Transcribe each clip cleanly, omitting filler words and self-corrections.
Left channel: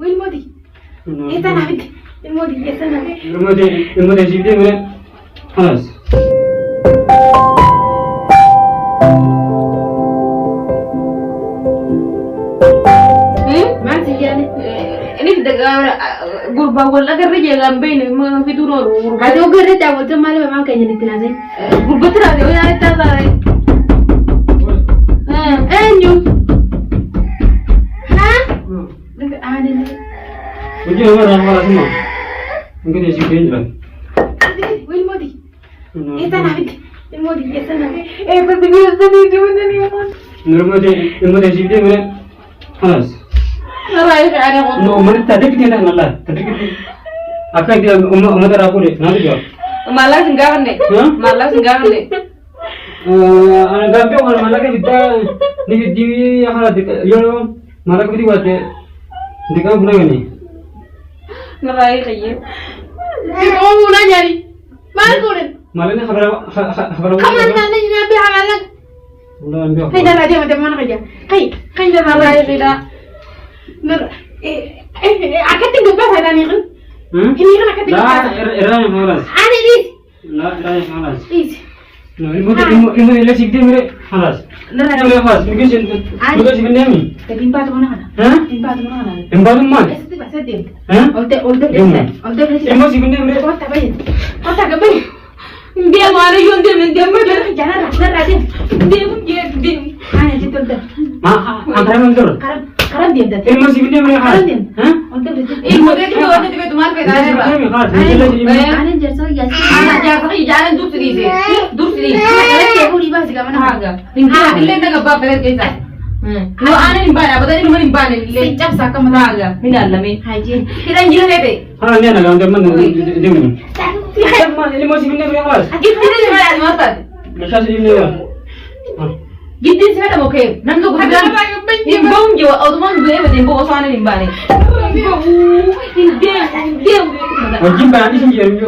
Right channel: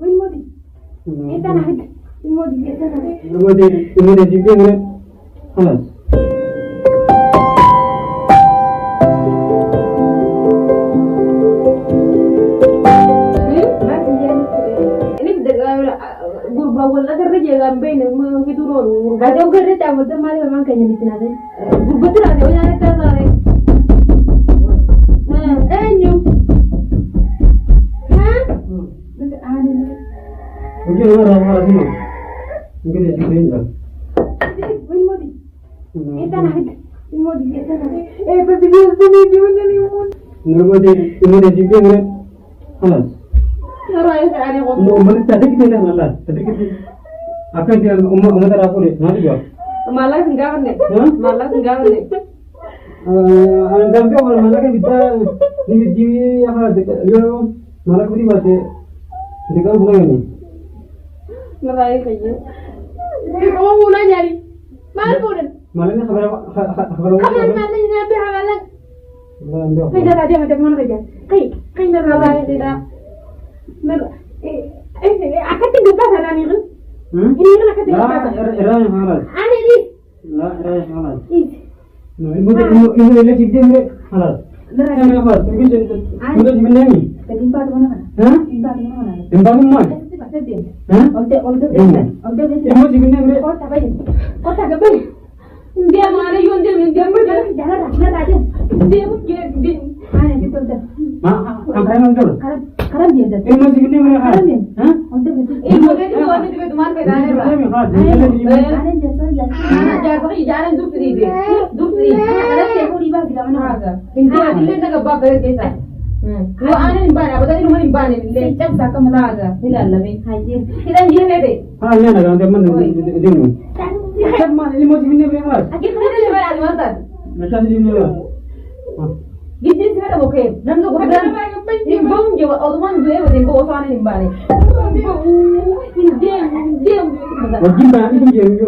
والمودي إيه أنا عبد المودي إيه أنا المودي جيبتي من خلاص ما تجيني ini gurba wala kerja jalan bene mau fitur gurba ada kerja tahu tuh malah memang kayaknya di tengah sih gurba terus ada yang terlalu nyum hah ada nih mungkin orang semua mungkin dia sih lah win modi itu nabi win modi itu nabi pasti biasa nih dia mana nih المودي جيبتي من خلاص نرايك أنا قلت من تدرك دي لا لا تدرك دي أكيد دي ترى أقولي نادي جوا malah senggawan deh malah senggawan deh أنا قام بيوم malah كده نيجي دي هذا يوم malah كده buat دي كام bulan ini neraik aja kamu mau nanya nih mana kulen malah ini kabar kamu nanya nabi amalan udah ambil هاي ده راجع متى ما نرجع هاي ده راجع كده نر أكيد تجيبها هذا نيجي ini kan أكيد لا إيران خلاص أنا دي لا إيران خلاص إيش المودي اللي سيبتي من خلاص لا خلاص ممكن ممكن سيبني أمي تبين بعد ما نخنا ها تبين بعد ما نخنا إمبارح ما بس دين ها قلت بس المودي سيبني من قلت تبين قلت تبين dia mana yang dia mana jangan raja dia ana itu tuh ma antara mantur karam dia dah المودي سيبني من خلاص ها قلت المودي itu ada di tempat kita ana jasa ya ana jasa jalan dur sendiri ana dia uri bahasa kamu nak agak ini nak apa kita lo ana nimbana apa tadi rumah nimbana le cap saka mana agak ini dalam ini haji kita anjir lebe ها أنا كمان teman demi teman ini mau sini berapa kelas? Kita ni mana ada masak? Macam sini ni lah. Gitu sih ada mungkin. Nanti aku bilang, imbang jauh, automan gue macam bawa sana nimbane. Dia. Wajib banget sih jadi.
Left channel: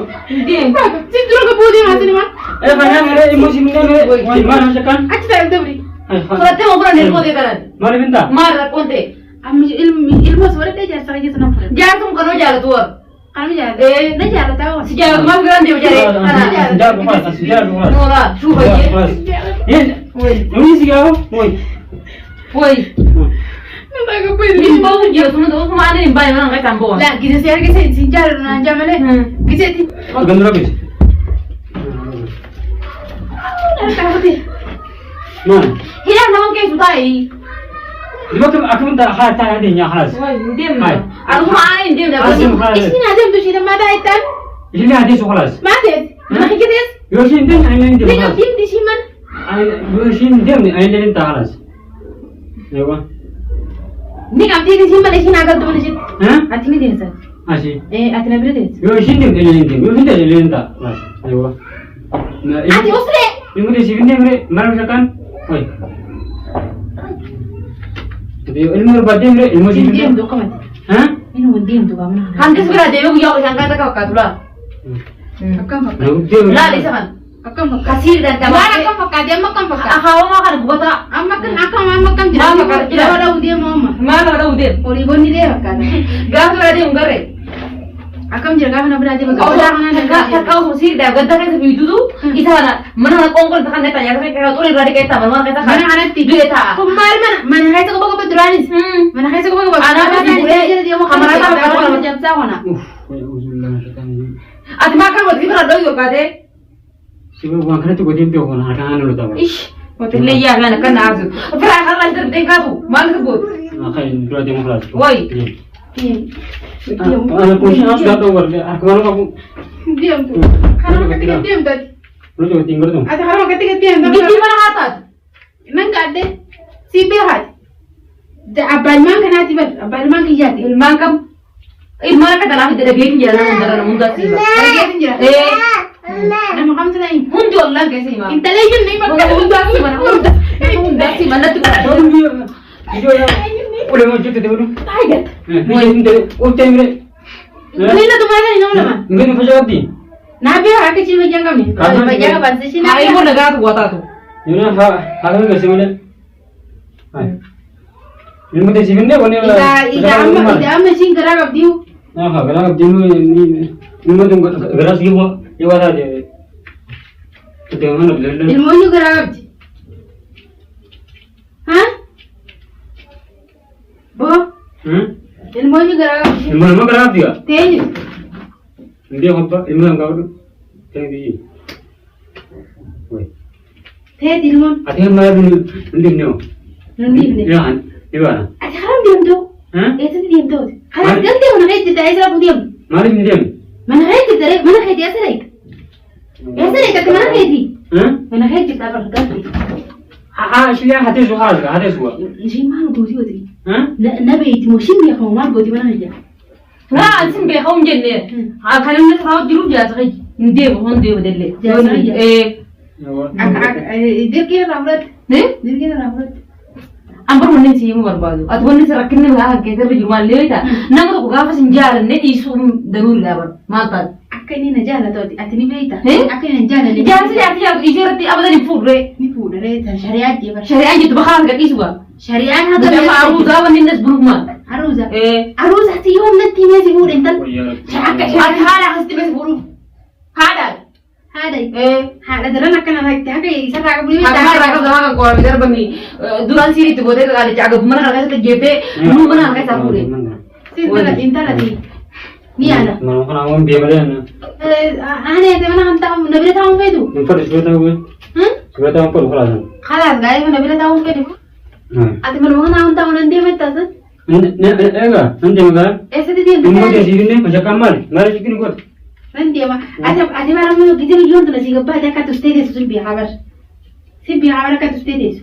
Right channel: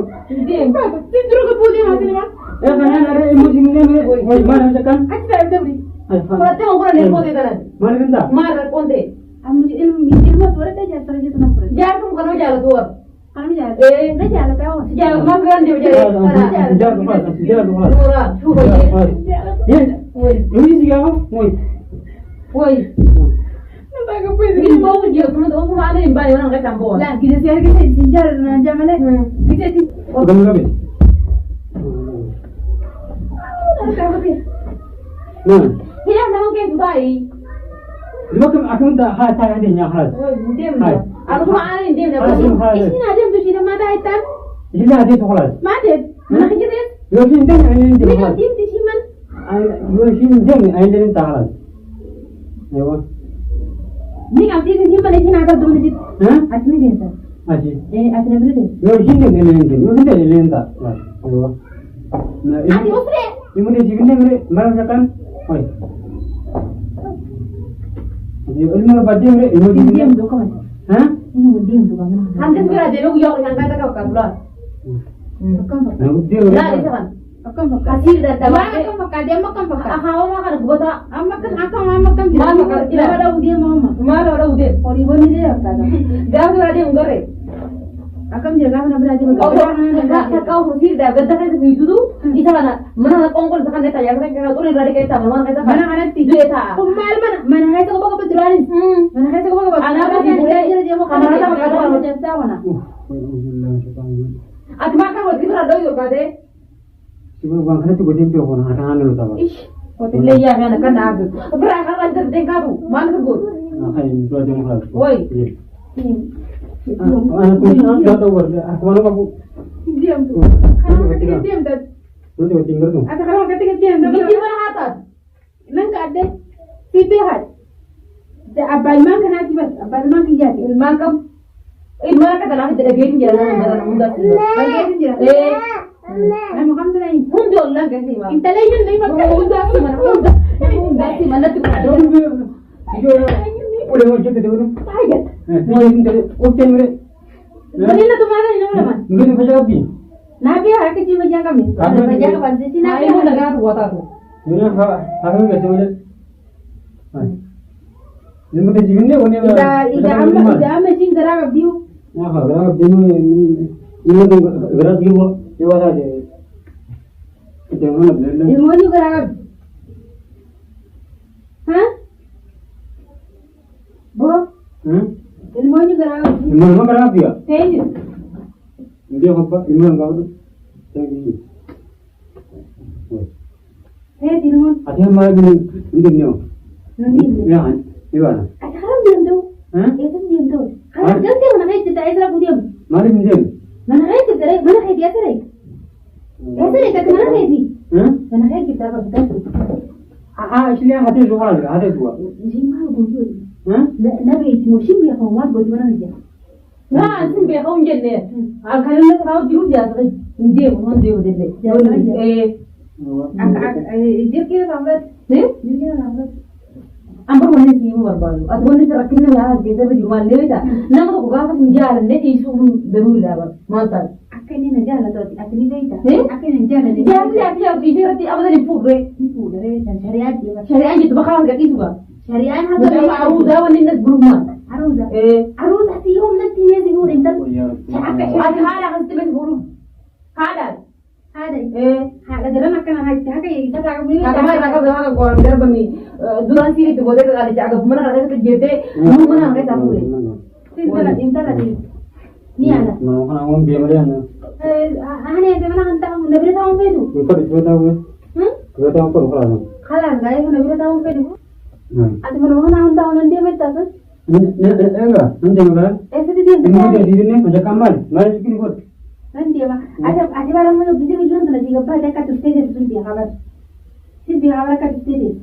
Dia. Situ orang kebudi macam ni mah. Mana mere emosi ni mere, wajib mana sekan? Aja tak ada beri. Kalau temu orang ni kau dia Mana minta? Marah konte. Ilmu suara dia jasa aja senang. Jangan kamu kena jalan tuar. Kami jalan. Dah jalan tahu. Sejauh mas geran dia berjalan. Sejauh kelas, sejauh kelas. Mula, cuba je. Ini sih kau, Woi. Nampak apa ini? Imbang je, semua mana imbang mana kita campur. Lah, kita siapa kita sinjar nak jam mana? Kita ti. Gandu lagi. Tahu ti. Mana? Hilang nama ke sudah ini. Aku minta hati ada yang kelas. Diam. Aku mana diam dah. Ini ada tu sih nama dah itu. Ini ada sekolah. Mana? Mana kita? Yosin dan ayah Ni kau diam di sini mana? Yosin dia ni ayah ni tak kelas. Ya kan? Ni kau di sini mana? Sini agak tu mana sih? Hati ni dia sah. Asyik. Hati ni beri dia. Yosin dia ni tak kelas. Ya kan? Hati usre. Ini dia sih ni mere, mana sekan? Oi. Jadi ilmu berbadi mere, ilmu sih ni. Diam tu kau mana? Hah? Ini diam tu kau mana? Hantu sebelah dia yang kata kau kata pula. Akam pakai. Lah, di sana. Akam pakai. Kasih dan kamu. Mana akam pakai? Dia makan pakai. Ahau makan gua tak. Makan akam makan jelas. Dia ada udia mama. Mana ada udia? Oribon ni dia kan. Gak ada dia ungkar. Akam jaga mana berada makan. Oh jangan. Kau sih dah. Gak ada yang itu tu. Di sana. Mana kongkol tekan neta. Yang saya kau tu berada kita. Mana kita. Mana ada tidur kita. Kemar mana? Mana kita kau bawa beduranis. Mana kita kau bawa. Anak mana dia mau kamera tak kau macam mana? Ati makan buat kita ada juga deh. Siapa bangkanya tu gede pion kan, akan anu tahu. Ish, hotel le ya kan kan azu. Berapa kali ter tengah tu, mana tu? Akan dua jam kelas. Woi. Anak kunci harus datang warga. Aku malu aku. Diam tu. Diam tadi. Lu juga tinggal tu. Ada kalau ketika diam. Di mana hatat? Nang ada. Sipir hat. Abal man kan hati ber. Abal man kijati. Man kam. Mana kata nak jadi gini jalan muda sih. Nama kamu tu lain. Mundur lah kasi mah. Inta lain ni macam muda sih mana. Muda sih mana tu. Itu ya. Boleh mau cerita dulu. Ayat. Ini dari hotel ni. Mana tu mana ni nama? Mungkin pasal apa? Nabi hak kecil macam kami. Macam apa sih? Hari pun negara tu buat tu. Ini hak kami kasi mana? Ilmu teh sini wani Ida amma shin gara gabdiu. Gara gabdiu ini ilmu tuh gara sih bu, ya wara aja. Itu yang mana belajar? Ilmu ni gara gabdi. Hah? Bo? Ilmu ni gara gabdi. Ilmu nama gara gabdi ya? Teh. Dia apa? Ilmu yang kau tu? Teh di. Woi. Teh ilmu. Ada yang mana beli ni? Nundi ni. Ya, Iwana. Ada haram diam tu. Itu diam tu. Haram diam tu mana kait kita Isra diam. Mari ni diam. Mana kait kita re? Mana kait Isra ik? Isra ik tapi mana kait di? Mana kait kita berkat. Sini hati suara, hati suara. Jadi mana gudi gudi? Nabi itu musim dia kamu mana gudi mana aja? Nah, asin be kamu jenne. Kalau nak tahu jiru dia sekali. Dia bukan dia berdele. Dia kira rawat. Dia kira rawat. Ambar wanni sih mu berbaju. Atau wanni serakin nih lah kita beli rumah lihat dah. Nama tu gua pasti jalan nih isu darul dah ber. Mantap. Aku ini najar atau atini beita. Aku ini najar nih. Jalan sih artinya isu rati apa tadi food re. Ni food re. Syariat dia ber. Syariat itu bakal gak isu gak. Syariat hada sama aruza wanni nas berumah. Aruza. Aruza ti yom nanti ni si food entar. Hada pasti masih buruh. Hada. Hada dalam akan anak kita kayak isar raga beli. Raga dalam kalau biar bami. Dulan sini tu boleh kalau jaga mana raga itu jete. Lu mana raga tak boleh. Cinta lagi. Ni ada. Mana kan awam dia mana? Aneh itu mana hantar nabi tahu apa itu? Nampak sudah tahu ke? Sudah tahu apa kalau ada? Kalah gaya nabi tahu apa itu? Ati mana mana hantar nanti apa itu? Enggak, nanti enggak. Esok dia. Ini dia sini macam kamar. Mari kita ikut. Nanti ama, ada barang mana kita jual tu nasi gapa ada kat ustedes tu simpi habar kat ustedes.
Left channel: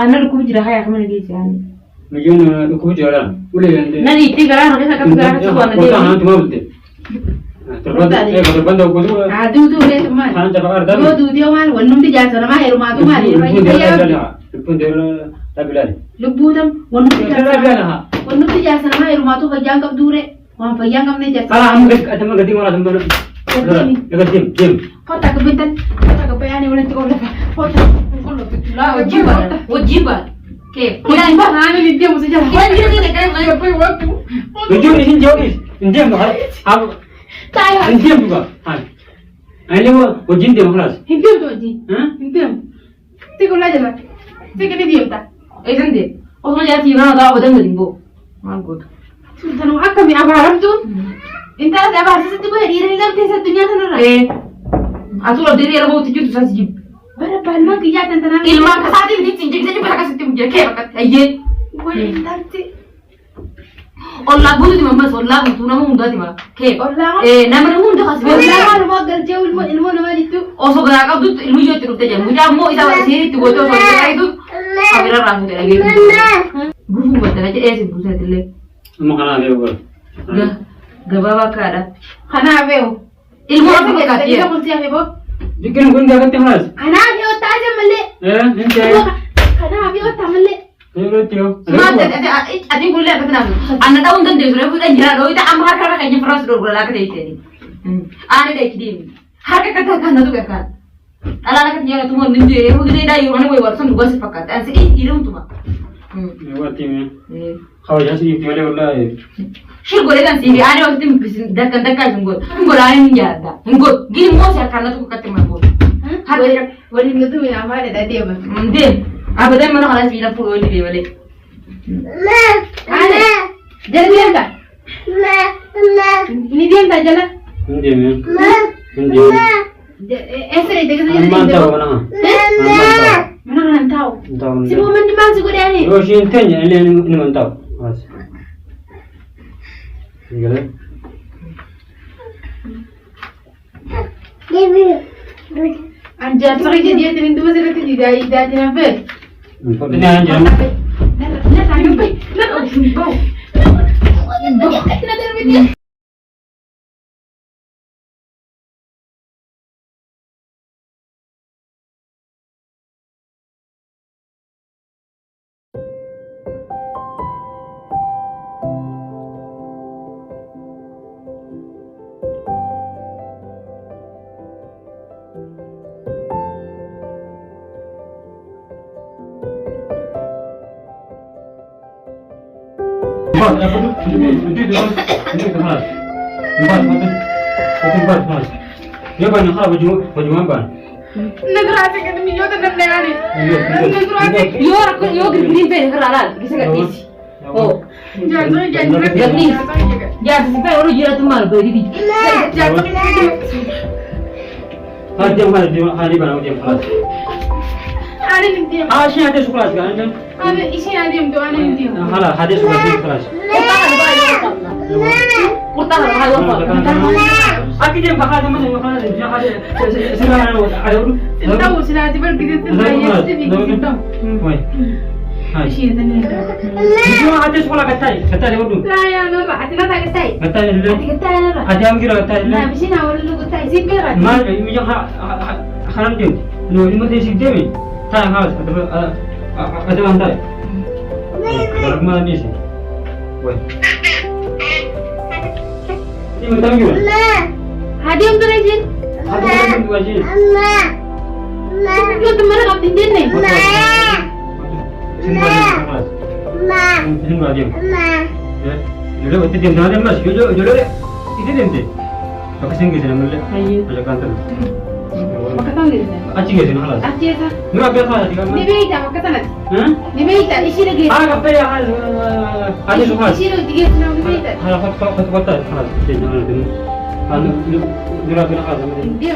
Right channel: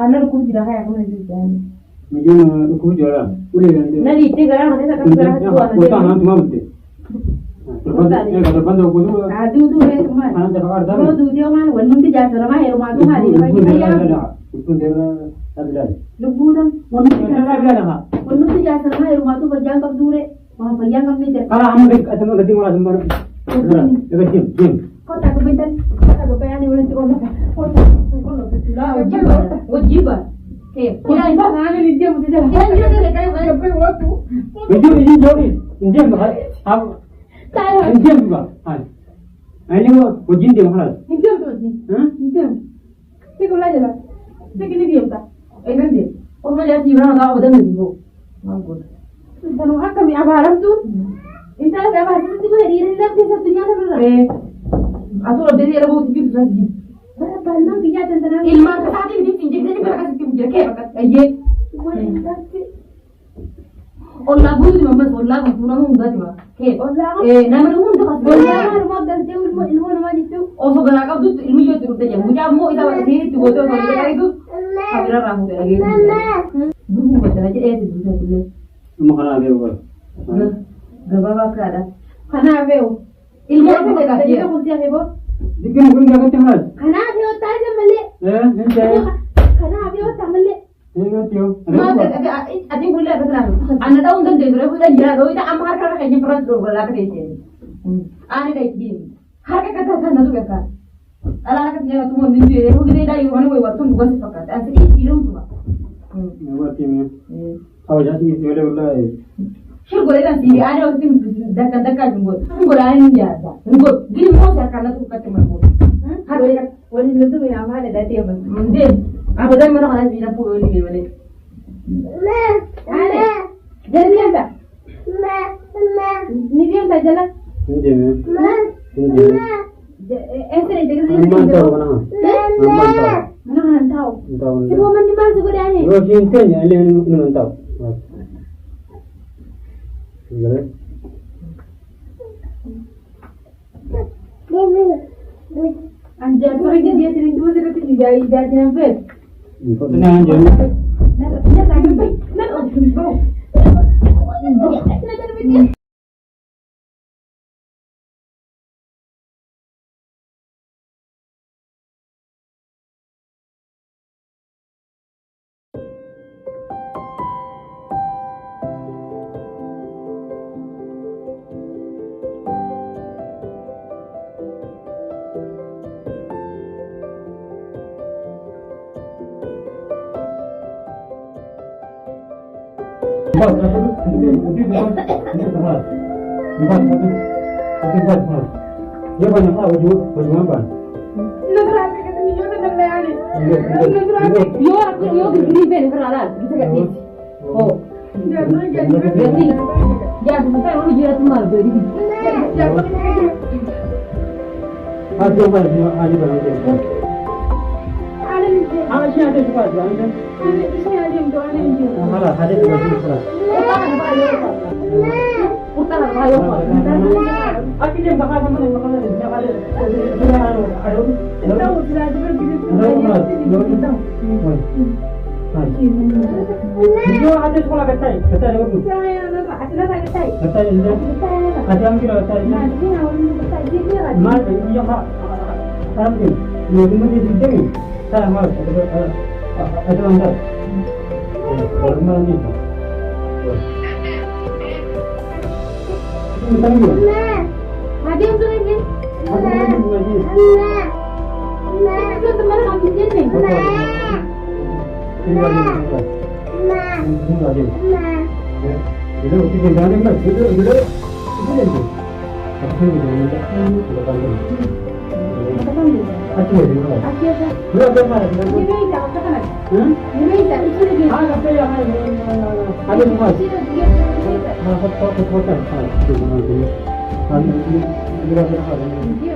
Anak aku jadi kaya kamu lagi jangan. Mungkin aku jalan, boleh nanti. Nanti tiga orang kita kat tiga orang tu ada. Kita hanya cuma betul. Terbang aku tu. Aduh tu le teman. Hanya cakap ada. Yo tu dia man, wanum tu jasa nama rumah tu mari. Lupun dia tak bilal. Lupu tam, wanum tu jasa. Wanum tu jasa nama rumah tu kerja kap dure. Wah, payah kamu ni jasa. Kalau kamu ada mana gadi mana tempat? Dekat dim. Kau tak kebentan, kau tak kepayah ni orang tu kau lepas. Kau tak, wajib. Okay. Tidak iba. Mana ni dia mesti jalan. Mana dia ni dekat apa waktu? Tujuh ni jauh ni. Diam tu. Apa? Tahu. Diam tu kan. Ini wajib dia malas. Diam tu wajib. Diam. Tiga lagi lah. Tiga ni diam tak? Itu dia. Orang jadi orang tahu betul betul bu. Mangkut. Tanu kami apa haram tu? Inta ada apa sih tu boleh iri lagi satu dunia tu nara. Asal ada dia rabu tujuh tu sahaja. Bara palma kiya tentang ilmu kasih ini cincin saja bara kasih tu mungkin kaya bakat aye. Wah inta tu. Allah bunuh di mama Allah bunuh nama muda di mama. Kaya. Allah. Nama nama muda kasih. Allah nama nama kerja ilmu nama itu. Oh so gara kau tu ilmu jauh terus saja. Muda mu itu sih tu bodoh so gara itu. Kamera ramu lagi. Guru betul aja sih bukan tu le. Makanan dia bukan. Gaba kada. Kana veo. Ilmu apa kita kita pun siapa bo? Jikin pun dia kata malas. Kana veo taja malle. Ini. Kana veo tamalle. Ini tio. Mata ada gulle apa nama? Anda tahu tentang dia sudah punya jira doa itu amar kana kayaknya pernah sudah berlaku deh ini. Ane deh kidi. Harga kata kana tu kakak. Anak kecil tu mau ninjau. Aku kita dah iuran gue warsan gue sepakat. Asik irum tu mah. Lewat timnya. Kau jangan sih tinggal di Shir boleh kan sih, ada waktu itu dekat sungguh, sungguh lain ada, sungguh, gini mau sih karena tuh kata mampu. Hari boleh itu yang apa ada tadi apa? Mending, apa tadi mana kalau sih lampu boleh boleh. Ada, jalan dia tak? Ini dia tak jalan? Ini dia. Esok itu kita jalan. Mantap mana? Mana kan tahu? Si momen di mana sih dia ni? Yo sih intenya ini mantap. Mas. Gila. Anjar sorry dia terin dua sila tu dia jangan ber. Ini anjar. Nah tangan baik. Nah bau. خلاص بس خلاص يبقى خلاص وجمع بان ندراسة كده مليون تدرنا يعني ندراسة يورك جرين بين كرالال كيسة كيسي oh jadi sampai orang jual tu malu beri di ada yang mana dia ada mana dia kelas ada ni dia sih ada kelas kan ada isi ada yang tu ada ni dia hala ada kelas kurang bayu Aki dia bakal teman dia bakal dia ada tahu sila dia berpikir tu Woi. Hai. Itu ada sekolah katai dia waktu. Saya nora, atina tak ketai. Katai dulu. Ketai nora. Ada yang kira katai dulu. Nah, mesti nak lu ketai sipir kan. Mal, ini yang haram dia. Lu ini mesti sikit ni. Tak harus ada lantai. Kalau mana ni sih. Woi. Ini mentang juga. Hadiah untuk rejin. Hadiah untuk rejin. Lu teman kamu di sini. Sini balik kelas. Sini balik. Ya. Jadi waktu dia dah mas, jadi itu dia. Apa sih kita nak mula? Ada kantor. Makan lagi. Acih ke sini kelas? Acih sah. Mula biasa ada kan? Ni beita makan sana. Hah? Ni beita isi lagi. Apa ya? Ada suka. Isi lagi dia nak ni beita. Hal kota kelas. Jadi jangan dulu. Hal dulu kelas. Dia